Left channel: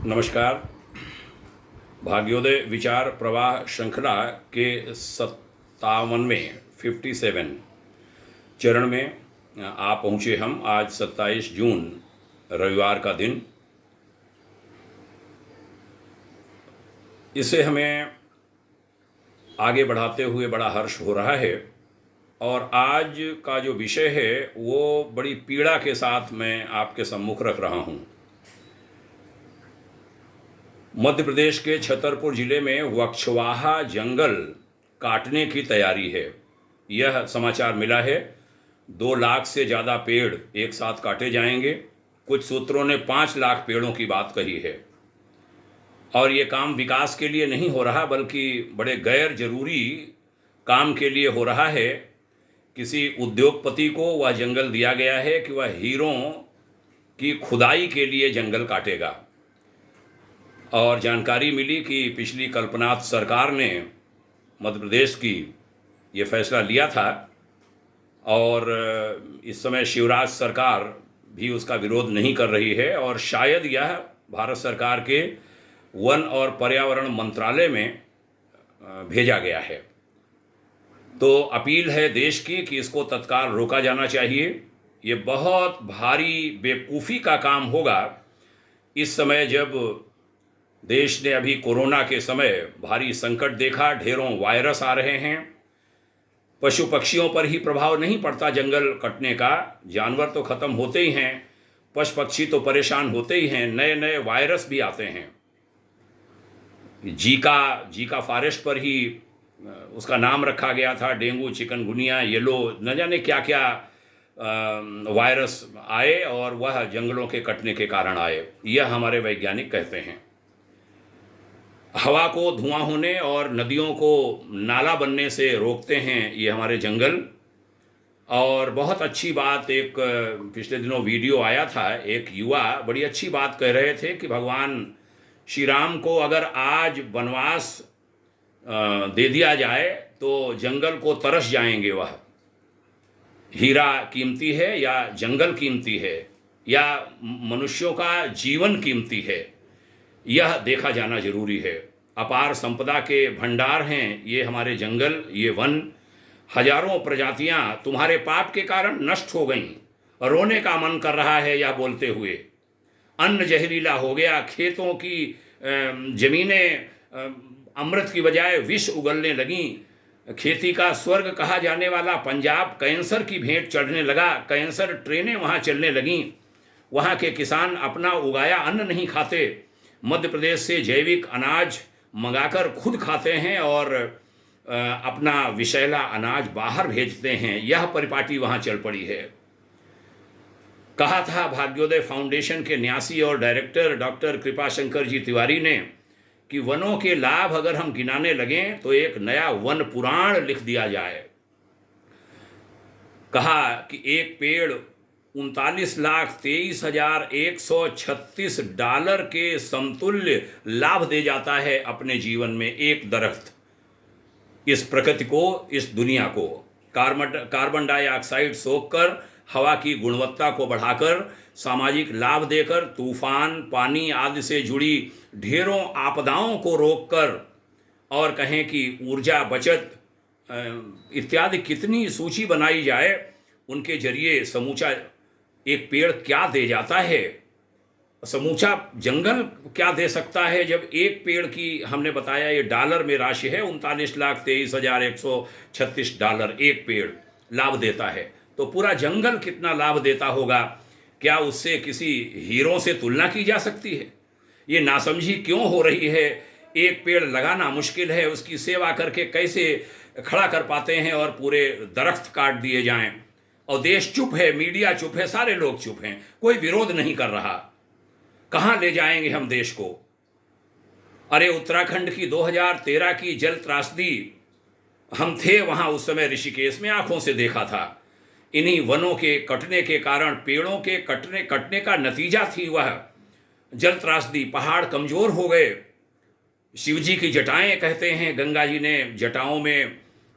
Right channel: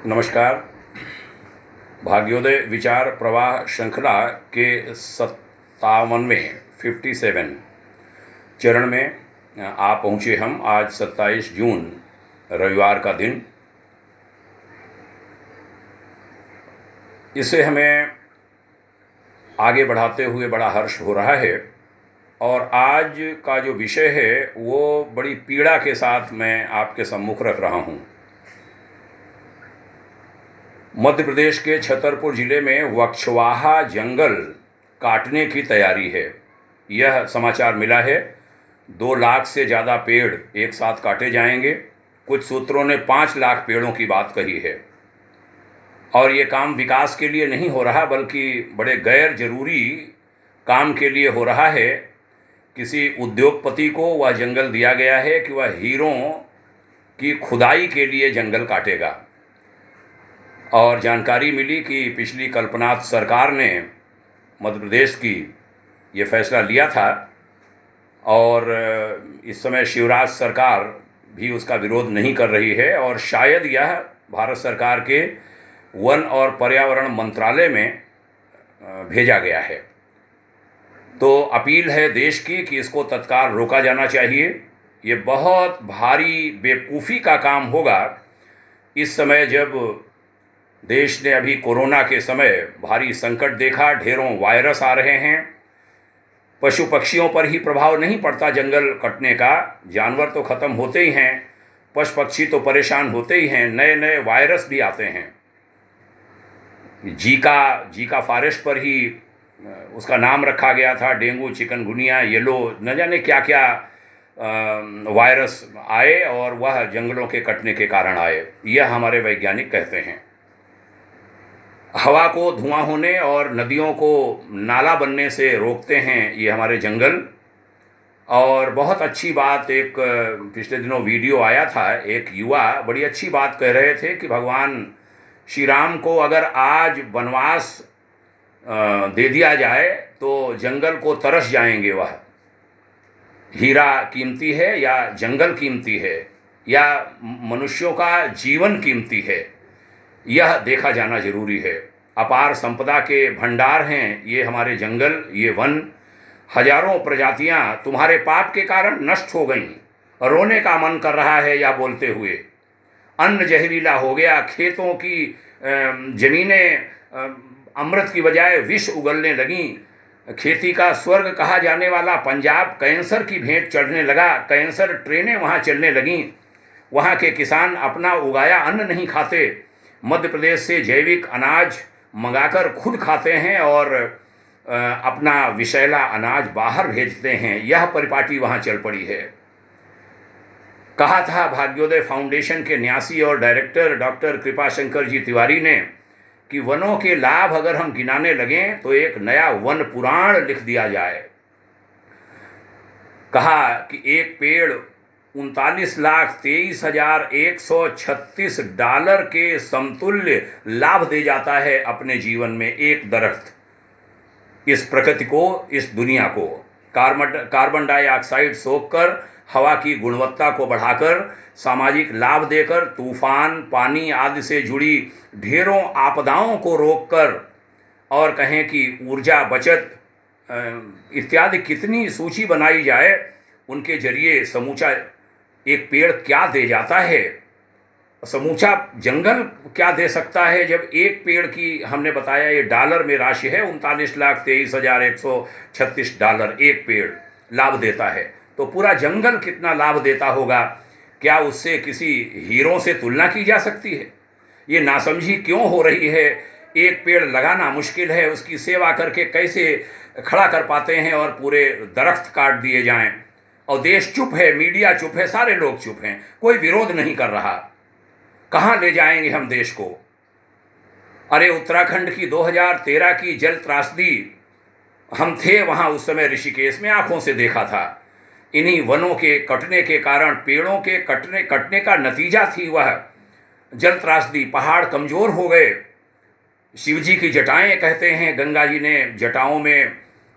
नमस्कार। भाग्योदय विचार प्रवाह श्रृंखला के 57वें चरण में आ पहुँचे हम। आज 27 जून रविवार का दिन। इससे हमें आगे बढ़ाते हुए बड़ा हर्ष हो रहा है और आज का जो विषय है वो बड़ी पीड़ा के साथ मैं आपके सम्मुख रख रहा हूँ। मध्य प्रदेश के छतरपुर जिले में वक्षवाहा जंगल काटने की तैयारी है। यह समाचार मिला है। 2 लाख से ज़्यादा पेड़ एक साथ काटे जाएंगे। कुछ सूत्रों ने 5 लाख पेड़ों की बात कही है और ये काम विकास के लिए नहीं हो रहा बल्कि बड़े गैर जरूरी काम के लिए हो रहा है। किसी उद्योगपति को वह जंगल दिया गया है कि वह हीरों की खुदाई के लिए जंगल काटेगा और जानकारी मिली कि पिछली कल्पनाथ सरकार ने मध्य प्रदेश की ये फैसला लिया था और इस समय शिवराज सरकार भी उसका विरोध नहीं कर रही है और शायद यह भारत सरकार के वन और पर्यावरण मंत्रालय में भेजा गया है। तो अपील है देश की कि इसको तत्काल रोका जाना चाहिए। ये बहुत भारी बेवकूफ़ी का काम होगा इस समय जब देश ने अभी कोरोना के समय भारी संकट देखा। ढेरों वायरस आ रहे हैं। पशु पक्षियों पर ही प्रभाव नहीं पड़ता जंगल कटने का। जानवर तो ख़त्म होते ही हैं, पशु पक्षी तो परेशान होते ही हैं। नए नए वायरस भी आते हैं। जीका फॉरेस्ट पर ही उसका नाम रखा गया था। डेंगू, चिकनगुनिया, येलो, न जाने क्या क्या वायरस आए और वह जंगलों के कटने के कारण आए, यह हमारे वैज्ञानिक कहते हैं। हवा को धुआं होने और नदियों को नाला बनने से रोकते हैं ये हमारे जंगल। और बहुत अच्छी बात, एक पिछले दिनों वीडियो आया था, एक युवा बड़ी अच्छी बात कह रहे थे कि भगवान श्री राम को अगर आज वनवास दे दिया जाए तो जंगल को तरस जाएंगे। वह हीरा कीमती है या जंगल कीमती है या मनुष्यों का जीवन कीमती है, यह देखा जाना जरूरी है। अपार संपदा के भंडार हैं ये हमारे जंगल, ये वन। हजारों प्रजातियां तुम्हारे पाप के कारण नष्ट हो गईं। रोने का मन कर रहा है यह बोलते हुए। अन्न जहरीला हो गया। खेतों की जमीनें अमृत की बजाय विष उगलने लगीं। खेती का स्वर्ग कहा जाने वाला पंजाब कैंसर की भेंट चढ़ने लगा। कैंसर ट्रेनें वहाँ चलने लगीं। वहाँ के किसान अपना उगाया अन्न नहीं खाते। मध्य प्रदेश से जैविक अनाज मंगाकर खुद खाते हैं और अपना विषैला अनाज बाहर भेजते हैं। यह परिपाटी वहाँ चल पड़ी है। कहा था भाग्योदय फाउंडेशन के न्यासी और डायरेक्टर डॉक्टर कृपाशंकर जी तिवारी ने कि वनों के लाभ अगर हम गिनाने लगें तो एक नया वन पुराण लिख दिया जाए। कहा कि एक पेड़ $39,23,136 के समतुल्य लाभ दे जाता है अपने जीवन में। एक दरख्त इस प्रकृति को, इस दुनिया को कार्बन डाइऑक्साइड सोखकर हवा की गुणवत्ता को बढ़ाकर, सामाजिक लाभ देकर, तूफान, पानी आदि से जुड़ी ढेरों आपदाओं को रोककर और कहें कि ऊर्जा बचत इत्यादि कितनी सूची बनाई जाए, उनके जरिए समूचा एक पेड़ क्या दे जाता है, समूचा जंगल क्या दे सकता है। जब एक पेड़ की हमने बताया ये डॉलर में राशि है, $39,23,136 एक पेड़ लाभ देता है, तो पूरा जंगल कितना लाभ देता होगा। क्या उससे किसी हीरो से तुलना की जा सकती है? ये नासमझी क्यों हो रही है? एक पेड़ लगाना मुश्किल है, उसकी सेवा करके कैसे खड़ा कर पाते हैं और पूरे दरख्त काट दिए जाएं। और देश चुप है, मीडिया चुप है, सारे लोग चुप हैं, कोई विरोध नहीं कर रहा। कहाँ ले जाएंगे हम देश को? अरे उत्तराखंड की 2013 की जल त्रासदी, हम थे वहाँ उस समय ऋषिकेश में, आंखों से देखा था। इन्हीं वनों के कटने के कारण, पेड़ों के कटने का नतीजा थी वह जल त्रासदी। पहाड़ कमजोर हो गए। शिवजी की जटाएं कहते हैं, गंगा जी ने जटाओं में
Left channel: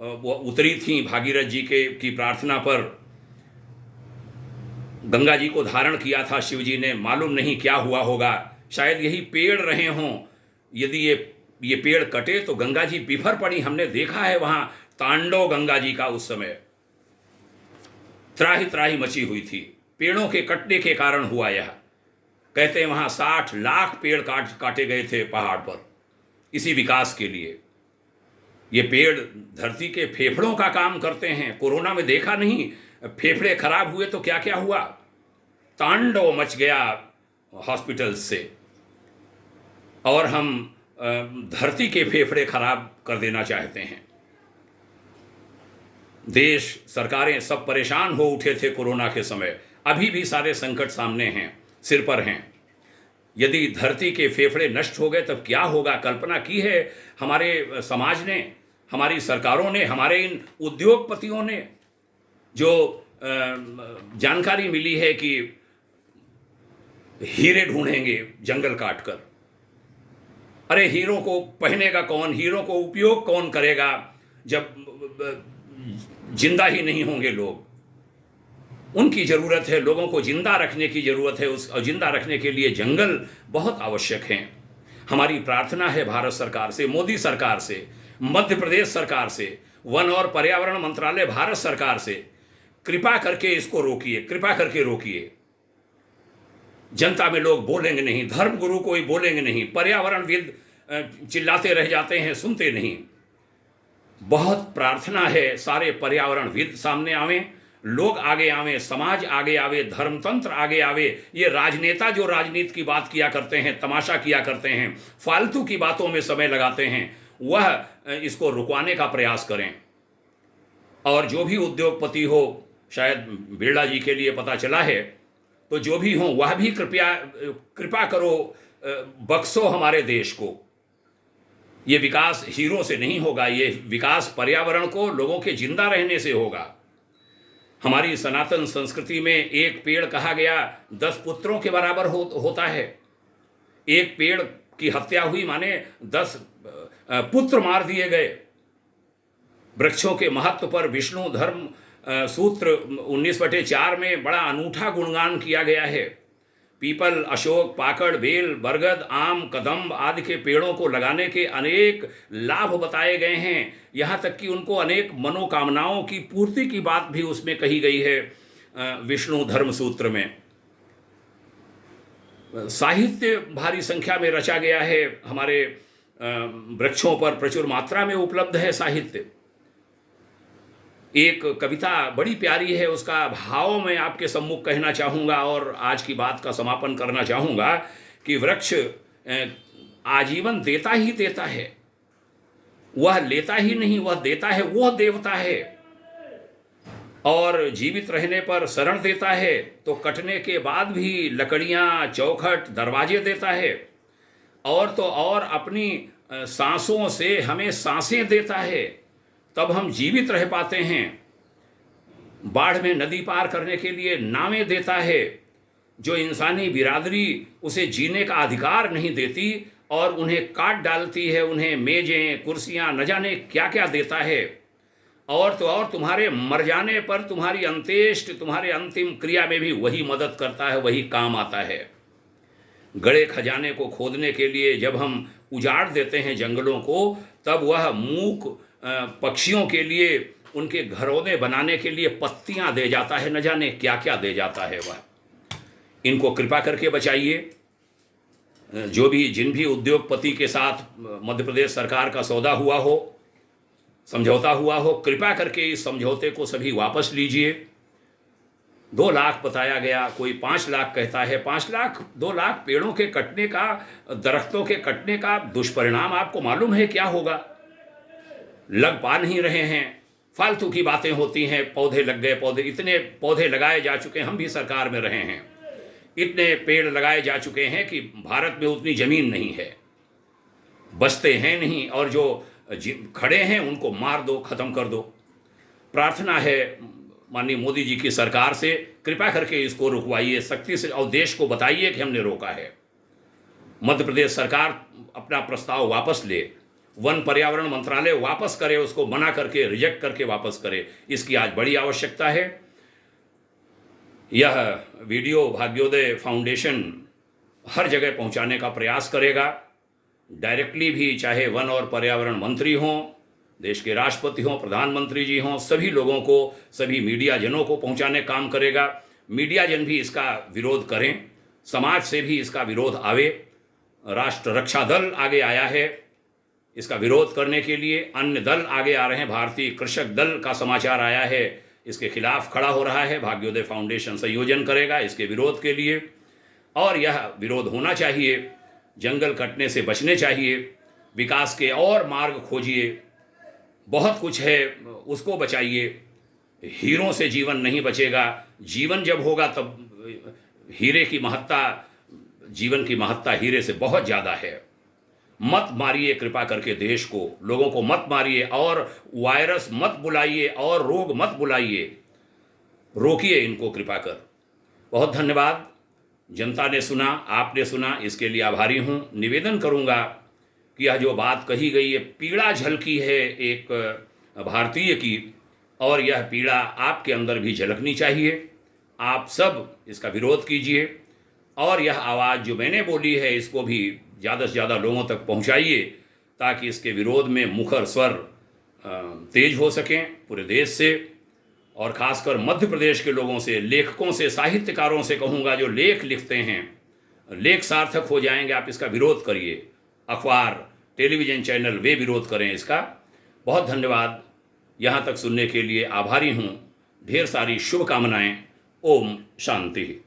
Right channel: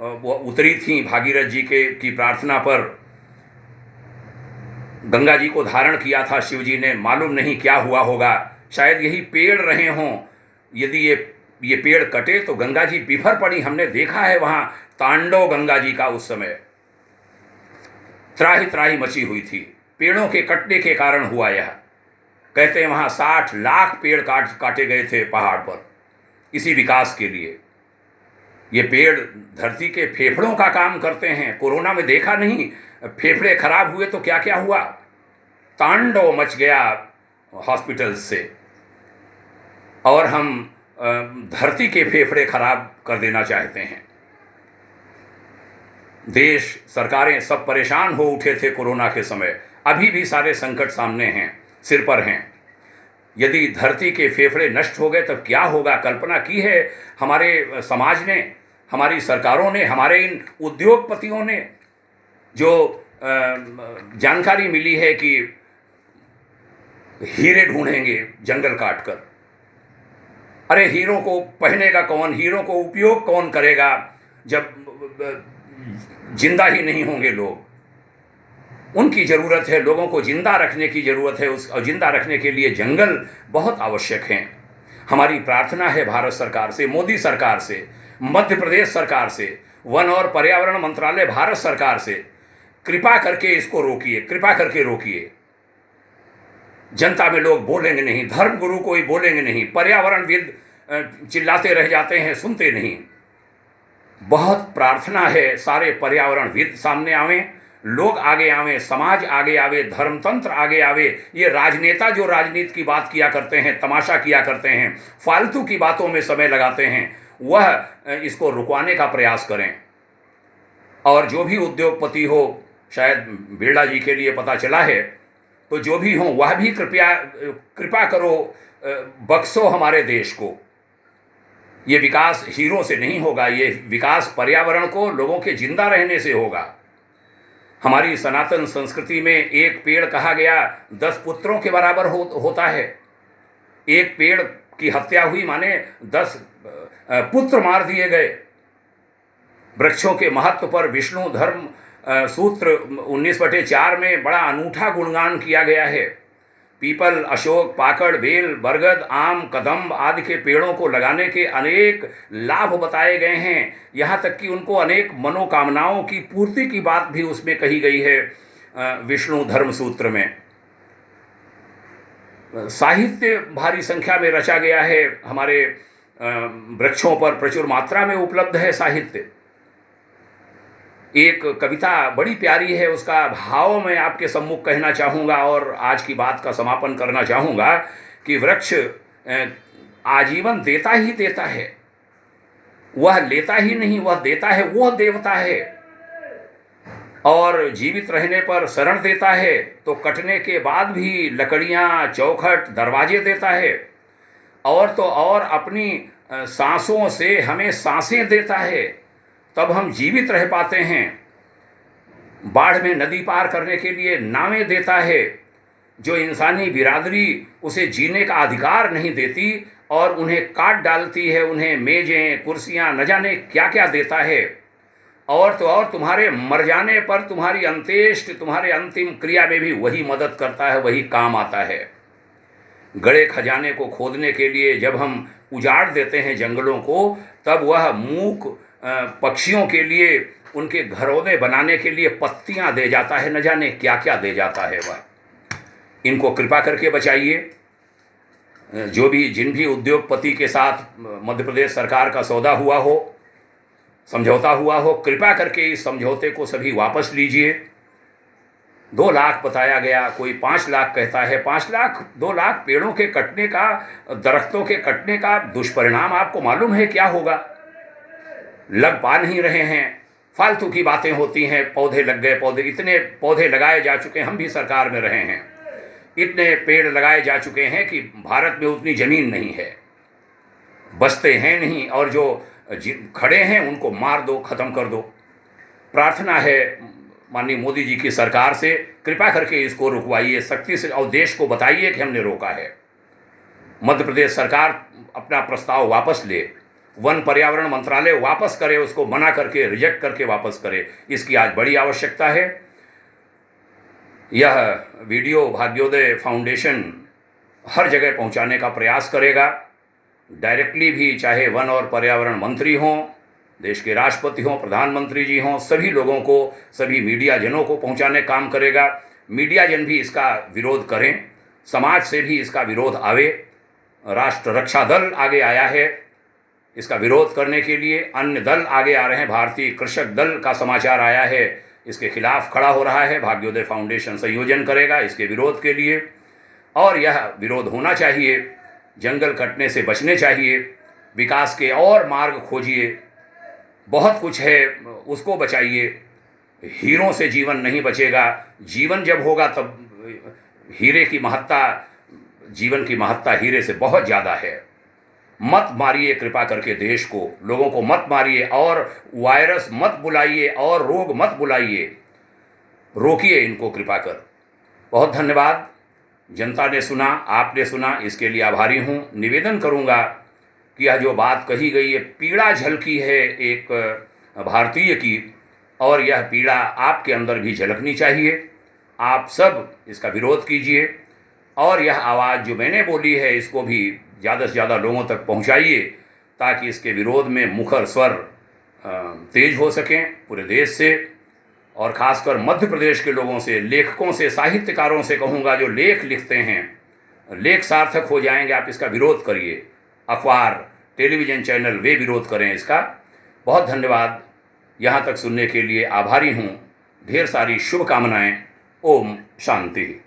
वो उतरी थी भागीरथ जी की प्रार्थना पर। गंगा जी को धारण किया था शिव जी ने, मालूम नहीं क्या हुआ होगा। शायद यही पेड़ रहे हों। यदि ये पेड़ कटे तो गंगा जी बिफर पड़ी। हमने देखा है वहाँ तांडव गंगा जी का उस समय त्राही त्राही मची हुई थी। पेड़ों के कटने के कारण हुआ यह। कहते हैं वहाँ 60 लाख पेड़ काटे गए थे पहाड़ पर इसी विकास के लिए। ये पेड़ धरती के फेफड़ों का काम करते हैं। कोरोना में देखा नहीं, फेफड़े खराब हुए तो क्या क्या हुआ, तांडव मच गया हॉस्पिटल से। और हम धरती के फेफड़े खराब कर देना चाहते हैं। देश सरकारें सब परेशान हो उठे थे कोरोना के समय। अभी भी सारे संकट सामने हैं, सिर पर हैं। यदि धरती के फेफड़े नष्ट हो गए तब क्या होगा? कल्पना की है हमारे समाज ने, हमारी सरकारों ने, हमारे इन उद्योगपतियों ने? जो जानकारी मिली है कि हीरे ढूंढेंगे जंगल काटकर। अरे हीरों को पहनेगा कौन, हीरों को उपयोग कौन करेगा जब जिंदा ही नहीं होंगे लोग? उनकी ज़रूरत है, लोगों को जिंदा रखने की ज़रूरत है। उस जिंदा रखने के लिए जंगल बहुत आवश्यक हैं। हमारी प्रार्थना है भारत सरकार से, मोदी सरकार से, मध्य प्रदेश सरकार से, वन और पर्यावरण मंत्रालय भारत सरकार से, कृपा करके इसको रोकिए, कृपा करके रोकिए। जनता में लोग बोलेंगे नहीं, धर्म गुरु कोई बोलेंगे नहीं, पर्यावरणविद चिल्लाते रह जाते हैं, सुनते नहीं। बहुत प्रार्थना है सारे पर्यावरणविद सामने आवें, लोग आगे आवें, समाज आगे आवे, धर्मतंत्र आगे आवे। ये राजनेता जो राजनीति की बात किया करते हैं, तमाशा किया करते हैं, फालतू की बातों में समय लगाते हैं, वह इसको रुकवाने का प्रयास करें। और जो भी उद्योगपति हो, शायद बिरला जी के लिए पता चला है, तो जो भी हो वह भी कृपा करो, बख्शो हमारे देश को। ये विकास हीरो से नहीं होगा, ये विकास पर्यावरण को, लोगों के जिंदा रहने से होगा। हमारी सनातन संस्कृति में एक पेड़ कहा गया 10 पुत्रों के बराबर होता है। एक पेड़ की हत्या हुई माने 10 पुत्र मार दिए गए। वृक्षों के महत्व पर विष्णु धर्म सूत्र 19/4 में बड़ा अनूठा गुणगान किया गया है। पीपल, अशोक, पाकड़, बेल, बरगद, आम, कदम्ब आदि के पेड़ों को लगाने के अनेक लाभ बताए गए हैं। यहाँ तक कि उनको अनेक मनोकामनाओं की पूर्ति की बात भी उसमें कही गई है विष्णु धर्म सूत्र में। साहित्य भारी संख्या में रचा गया है। हमारे वृक्षों पर प्रचुर मात्रा में उपलब्ध है साहित्य। एक कविता बड़ी प्यारी है, उसका भाव मैं आपके सम्मुख कहना चाहूँगा और आज की बात का समापन करना चाहूँगा कि वृक्ष आजीवन देता ही देता है, वह लेता ही नहीं, वह देता है, वह देवता है। और जीवित रहने पर शरण देता है तो कटने के बाद भी लकड़ियाँ, चौखट, दरवाजे देता है। और तो और अपनी सांसों से हमें सांसें देता है, तब हम जीवित रह पाते हैं। बाढ़ में नदी पार करने के लिए नावें देता है। जो इंसानी बिरादरी उसे जीने का अधिकार नहीं देती और उन्हें काट डालती है, उन्हें मेजें, कुर्सियां, न जाने क्या क्या देता है। और तो और तुम्हारे मर जाने पर तुम्हारी अंत्येष्टि, तुम्हारे अंतिम क्रिया में भी वही मदद करता है, वही काम आता है। गड़े खजाने को खोदने के लिए जब हम उजाड़ देते हैं जंगलों को, तब वह मूक पक्षियों के लिए, उनके घरौंदे बनाने के लिए पत्तियां दे जाता है, न जाने क्या क्या दे जाता है वह। इनको कृपा करके बचाइए। जो भी जिन भी उद्योगपति के साथ मध्य प्रदेश सरकार का सौदा हुआ हो, समझौता हुआ हो, कृपा करके इस समझौते को सभी वापस लीजिए। 2 लाख बताया गया, कोई 5 लाख कहता है। 5 लाख, 2 लाख पेड़ों के कटने का, दरख्तों के कटने का दुष्परिणाम आपको मालूम है क्या होगा? लग पा नहीं रहे हैं, फालतू की बातें होती हैं। पौधे लग गए, पौधे, इतने पौधे लगाए जा चुके हैं, हम भी सरकार में रहे हैं, इतने पेड़ लगाए जा चुके हैं कि भारत में उतनी जमीन नहीं है, बचते हैं नहीं। और जो खड़े हैं उनको मार दो, खत्म कर दो। प्रार्थना है माननीय मोदी जी की सरकार से, कृपा करके इसको रुकवाइए सख्ती से और देश को बताइए कि हमने रोका है। मध्य प्रदेश सरकार अपना प्रस्ताव वापस ले, वन पर्यावरण मंत्रालय वापस करे, उसको मना करके, रिजेक्ट करके वापस करे। इसकी आज बड़ी आवश्यकता है। यह वीडियो भाग्योदय फाउंडेशन हर जगह पहुंचाने का प्रयास करेगा। डायरेक्टली भी, चाहे वन और पर्यावरण मंत्री हों, देश के राष्ट्रपति हों, प्रधानमंत्री जी हों, सभी लोगों को, सभी मीडिया जनों को पहुंचाने का काम करेगा। मीडिया जन भी इसका विरोध करें, समाज से भी इसका विरोध आवे। राष्ट्र रक्षा दल आगे आया है इसका विरोध करने के लिए, अन्य दल आगे आ रहे हैं। भारतीय कृषक दल का समाचार आया है, इसके खिलाफ खड़ा हो रहा है। भाग्योदय फाउंडेशन संयोजन करेगा इसके विरोध के लिए, और यह विरोध होना चाहिए। जंगल कटने से बचने चाहिए, विकास के और मार्ग खोजिए। बहुत कुछ है, उसको बचाइए। हीरों से जीवन नहीं बचेगा। जीवन जब होगा तब हीरे की महत्ता, जीवन की महत्ता हीरे से बहुत ज़्यादा है। मत मारिए कृपा करके देश को, लोगों को मत मारिए, और वायरस मत बुलाइए और रोग मत बुलाइए, रोकिए इनको कृपा कर। बहुत धन्यवाद। जनता ने सुना, आपने सुना, इसके लिए आभारी हूँ। निवेदन करूँगा कि यह जो बात कही गई है, पीड़ा झलकी है एक भारतीय की, और यह पीड़ा आपके अंदर भी झलकनी चाहिए। आप सब इसका विरोध कीजिए, और यह आवाज़ जो मैंने बोली है इसको भी ज़्यादा से ज़्यादा लोगों तक पहुँचाइए, ताकि इसके विरोध में मुखर स्वर तेज हो सकें पूरे देश से, और ख़ासकर मध्य प्रदेश के लोगों से, लेखकों से, साहित्यकारों से कहूँगा जो लेख लिखते हैं, लेख सार्थक हो जाएंगे। आप इसका विरोध करिए, अखबार, टेलीविज़न चैनल वे विरोध करें इसका। बहुत धन्यवाद। यहाँ तक सुनने के लिए आभारी हूँ। ढेर सारी शुभकामनाएं। ओम शांति।